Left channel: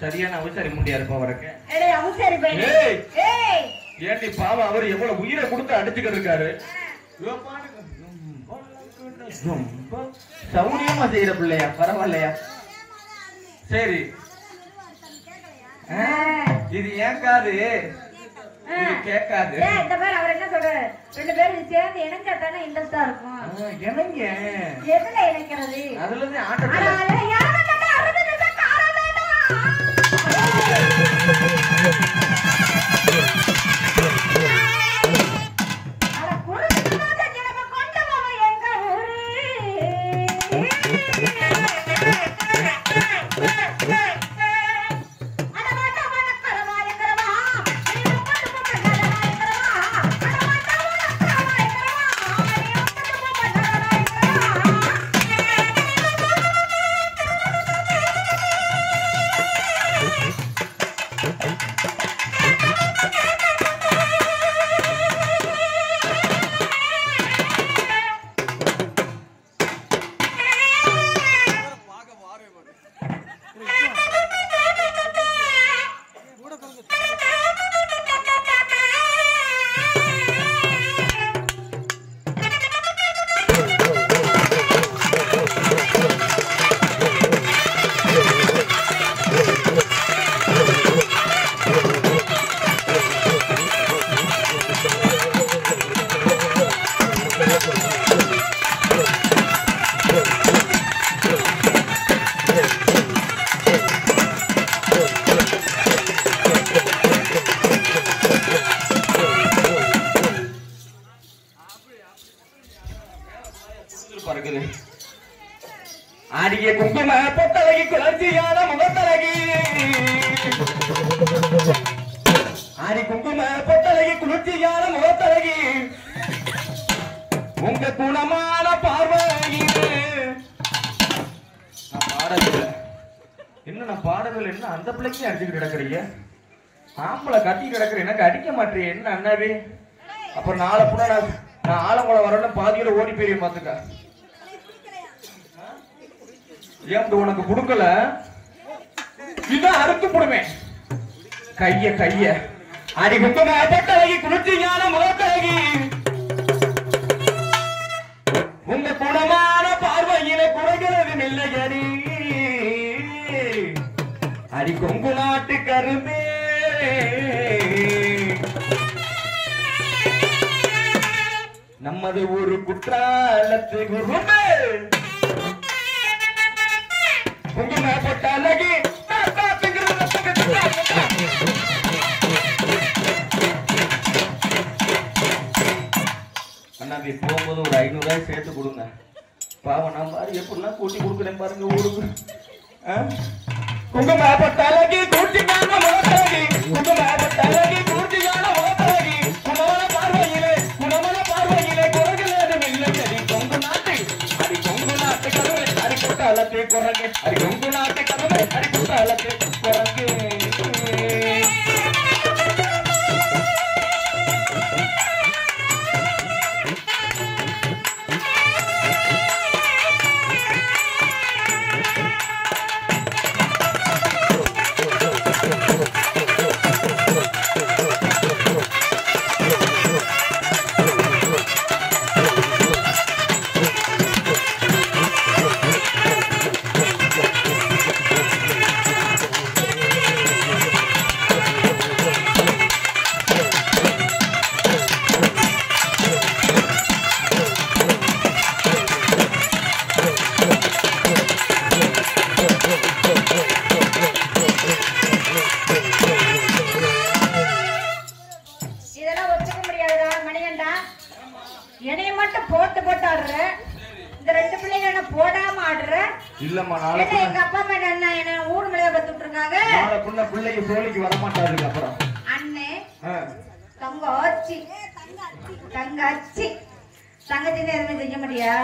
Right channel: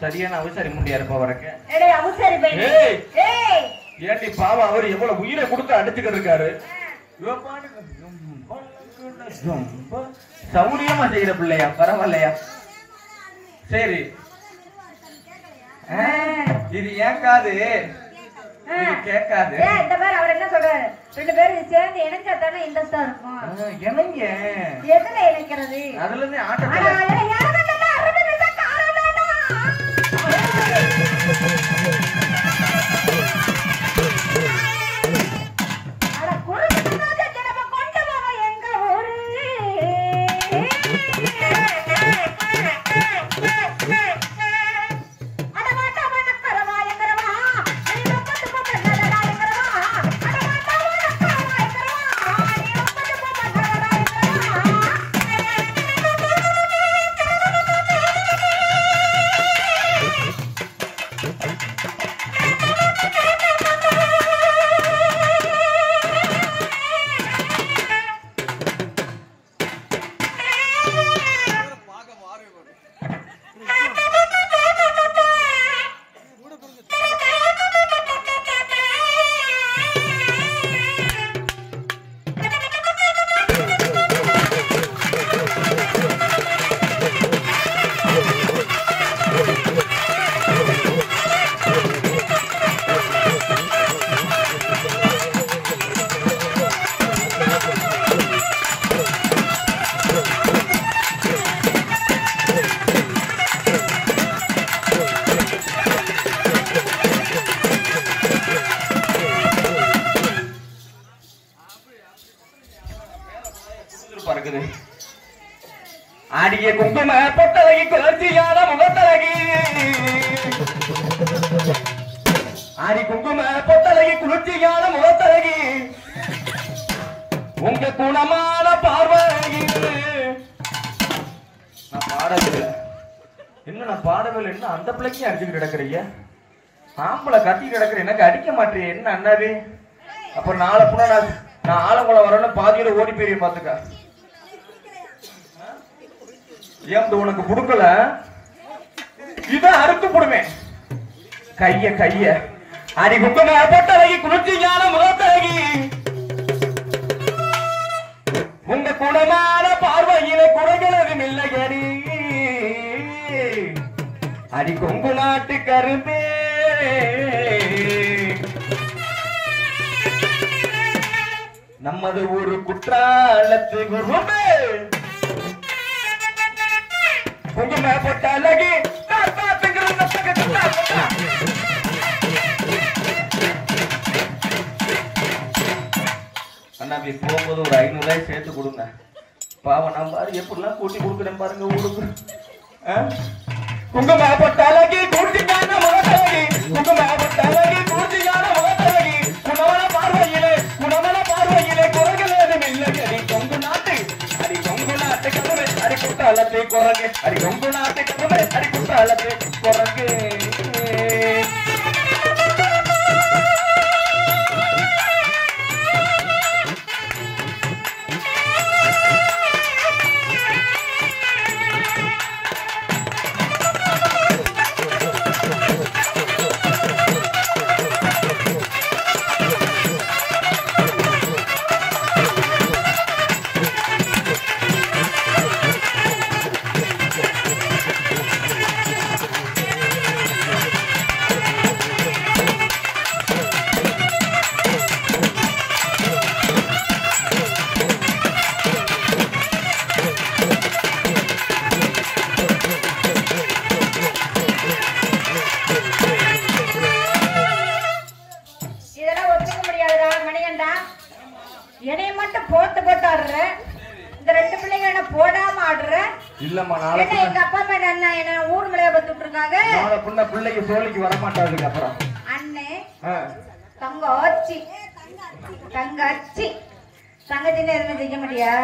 சரியான அவசரி முண்டியா இருப்ப வரக்க ஏண்டி பாவம் அவர் எவ்வளவு உயிரை கொடுத்து அடிச்சுக்கிட்டு இருக்காரு. சௌரியமா செய்யற பிள்ளையா, பரவாயில்லையா? சரி, இது ஏற்காது, இது கேட்காது. இந்த மாதிரி அவர் என்ன சொல்றாரு, ரெண்டு பேரும் சேர்ந்து இணைஞ்சா தானே இன்ட்ரெஸ்டா இருக்கும். இணைங்க எதுல இணைக்கிறது? அதுல இருந்து ஆட்டத்துல ஆடிய குங்கும பொட்டலகி குளர்ச்சியான முகத்தலகி, ஆடி குங்கும பொட்டலகி குளிர்ச்சியான முகத்தலகி, உங்க குணமான பார்வையிலே நான் பாடவில்லை. என்ன நான் பாடவில்லை, என்ன அந்த பிள்ளைக்கு அடிச்சுக்கிட்டு கிடக்குறீங்க? ஆம்பளை கட்டி கிடக்குற எனக்கு அடிக்க மாட்டேன் என்ன அண்ணாவே? அப்ப நாளை புண்ணா நான் ஆலங்குளம் வரணும் பாதியில ஓடி போய் பாத்துக்க. ஏன் உனக்கு கொடுக்கல, இதான் அறுத்து போடுவேன் கைய கைய. அடி குங்கும பொட்டலகி குளிர்ச்சியான முகத்தழகி, உங்க குணமான பார்வையில குறைகிறது இல்லையடி. அடி கொங்கு நாட்டு கரும்பே, நமது ஒரு குற்றாலத்து குருமே, குங்கும பொட்டலகி அண்ணா போகும்போது ஒரு 500 ரூபாய் சேர்த்து கொடுங்க. பாவம் நான் பாரு எப்படிலாம் கூட்டி கொடுக்குறேன் பாருங்க ஊருக்கு. குங்கும பொட்டலகி கூட்டிக்கான முகத்தழகி, குங்கும பொட்டலகி கூட்டிக்கான முகத்தழகி, குணமான பார்வையிலே குணமான பார்வையிலே குறைகள் ஏதும் இல்லை. அடி கொங்கு நாட்டு, அடி கொங்கு நாட்டு கருவை, அடி குற்றாலத்தை குரங்கு, அடி கொங்கு நாட்டு கருவை, அடி குற்றாலத்தை குரங்கு. ஆடுற இந்த ரெண்டு பிள்ளைங்க என்ன போடாம ஆடுற இல்லம்மா என்ன நாளைக்கு எங்க அப்பா அம்மா என்ன ஊர் மலையா பத்துட்டு இருக்காங்க நாளை புண்ண பிள்ளைக்கு சோழிக்கு வர மாட்டாதுக்கு அப்புறம் அண்ணே ஆ. தங்கச்சி தங்கச்சி தங்கச்சின்னு எதுவுமே செய்ய மாட்டியா